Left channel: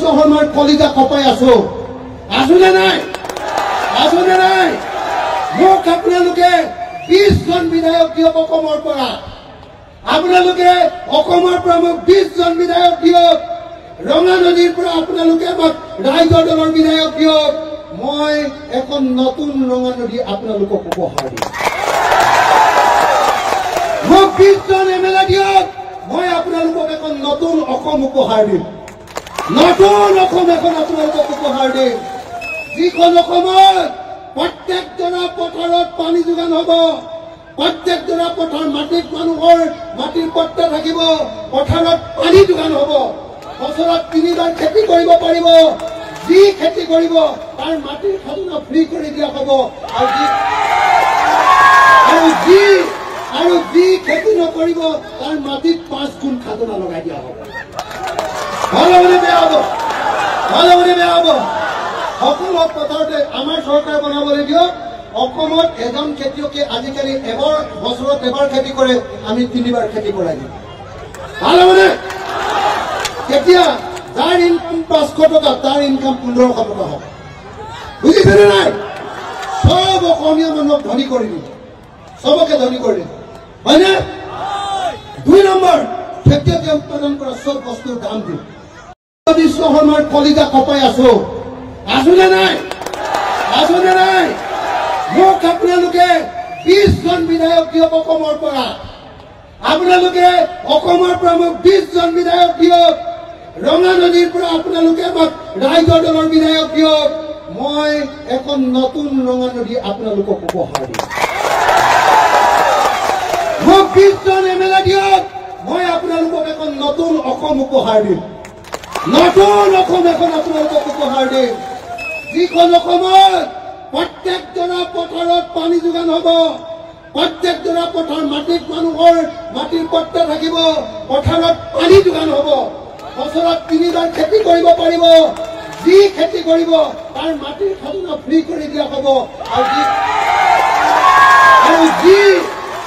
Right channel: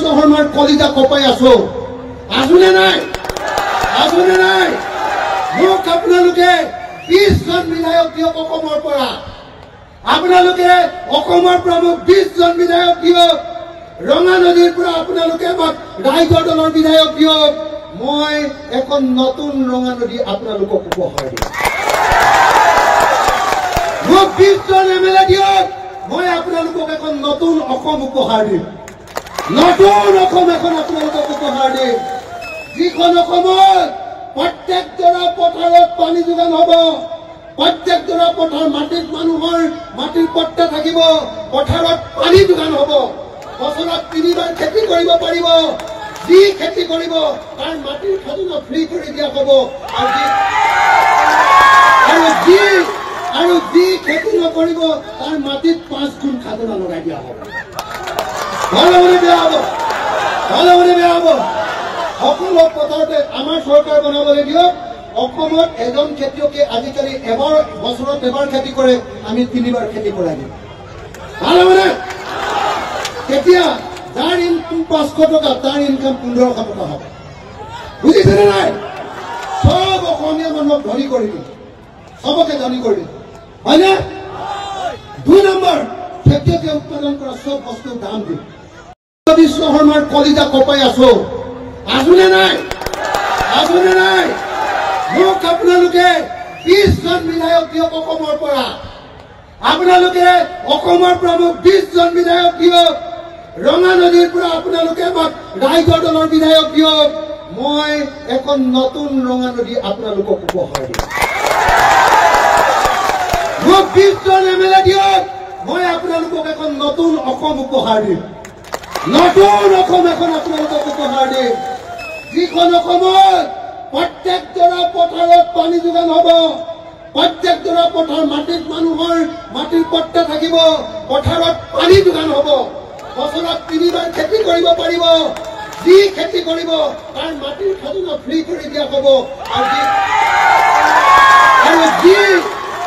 বিশ্বকৰ্মাৰ কলিজা কপাই আছো আছুনে নাই মোক আপোনালোকে 20 জন বিধায়ক দিয়ক অসমৰ পৰা আপোনালোকে অসমৰ পৰা মোক 20 জন বিধায়ক দিয়ক ৰঙা নদীৰ পৰা আপোনালোকে মোক ৰাইজৰ দলৰ বিধায়ক দিয়ক মই এখন নতুন ৰঙা নদী আপোনালোকক উপহাৰ দিম মোক 20 জন এমএলএ দিয়ক মই আপোনালোকক এখন নতুন অসম উপহাৰ দিম নতুন অসম এখন আপোনালোকক উপহাৰ দিম যিখন অসমত প্ৰত্যেক দৰা পথাৰত পানী যোগান হ'ব প্ৰত্যেক দৰা পথাৰ মাটিত মানুহৰ মাটিৰ পট্টা থাকিব পথাৰত পানী যোগান হ'ব বছৰত 3বাৰ খেতি কৰিব পাৰিব যি খেতি কৰিব তাৰ মাটিৰ খাজনা ফ্ৰী কৰি দিয়া হ'ব আৰু যি খেতি নকৰিব তাৰ মাটিত 5 গুণ খাজনা লগাই দিয়া হ'ব ভালমনে বেয়া হ'ব সকলো পথাৰতে আমাৰ চৰকাৰ বনাবলৈ দিয়ক অসমত এজন খেতিয়কে আজিকালি বছৰত এবাৰ খেতি কৰে আমি 3বাৰ খেতি কৰাই দিম ভালমনে কেতিয়া যাৰ ইনকাম 500 টকা তাৰ ইনকাম 1500 টকা হ'ব বুজিছেনে নাই সব অসমীয়া মানুহক ধনী কৰি দিম সবকে ধনী কৰি দিম হয়নে 2 নম্বৰ খেতিয়কে উৎপাদন কৰা সব বস্তুৰ দাম দিম বিশ্বকৰ্মাৰ কলিজা কপাই আছো আছুনে নাই মোক আপোনালোকে 20 জন বিধায়ক দিয়ক অসমৰ পৰা আপোনালোকে অসমৰ পৰা মোক 20 জন বিধায়ক দিয়ক ৰঙা নদীৰ পৰা আপোনালোকে মোক ৰাইজৰ দলৰ বিধায়ক দিয়ক মই এখন নতুন ৰঙা নদী আপোনালোকক উপহাৰ দিম মোক 20 জন এমএলএ দিয়ক মই আপোনালোকক এখন নতুন অসম উপহাৰ দিম নতুন অসম এখন আপোনালোকক উপহাৰ দিম যিখন অসমত প্ৰত্যেক দৰা পথাৰত পানী যোগান হ'ব প্ৰত্যেক দৰা পথাৰ মাটিত মানুহৰ মাটিৰ পট্টা থাকিব পথাৰত পানী যোগান হ'ব বছৰত 3বাৰ খেতি কৰিব পাৰিব যি খেতি কৰিব তাৰ মাটিৰ খাজনা ফ্ৰী কৰি দিয়া হ'ব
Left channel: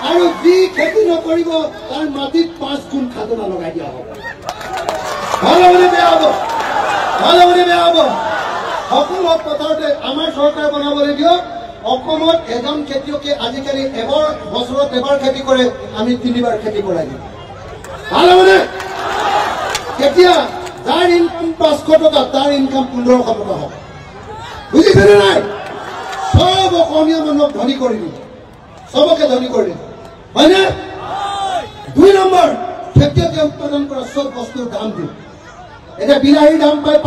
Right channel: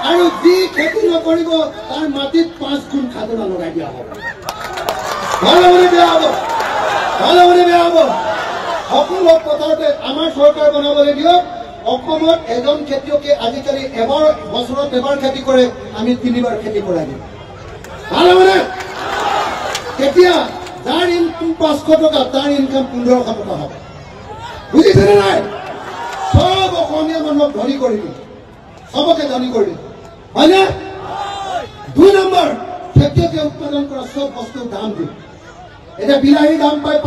আৰু যি খেতি নকৰিব তাৰ মাটিত 5 গুণ খাজনা লগাই দিয়া হ'ব ভালমনে বেয়া হ'ব সকলো পথাৰতে আমাৰ চৰকাৰ বনাবলৈ দিয়ক অসমত এজন খেতিয়কে আজিকালি বছৰত এবাৰ খেতি কৰে আমি 3বাৰ খেতি কৰাই দিম ভালমনে কেতিয়া যাৰ ইনকাম 500 টকা তাৰ ইনকাম 1500 টকা হ'ব বুজিছেনে নাই সব অসমীয়া মানুহক ধনী কৰি দিম সবকে ধনী কৰি দিম হয়নে 2 নম্বৰ খেতিয়কে উৎপাদন কৰা সব বস্তুৰ দাম দিম এটা বিলাহীৰ দাম পায়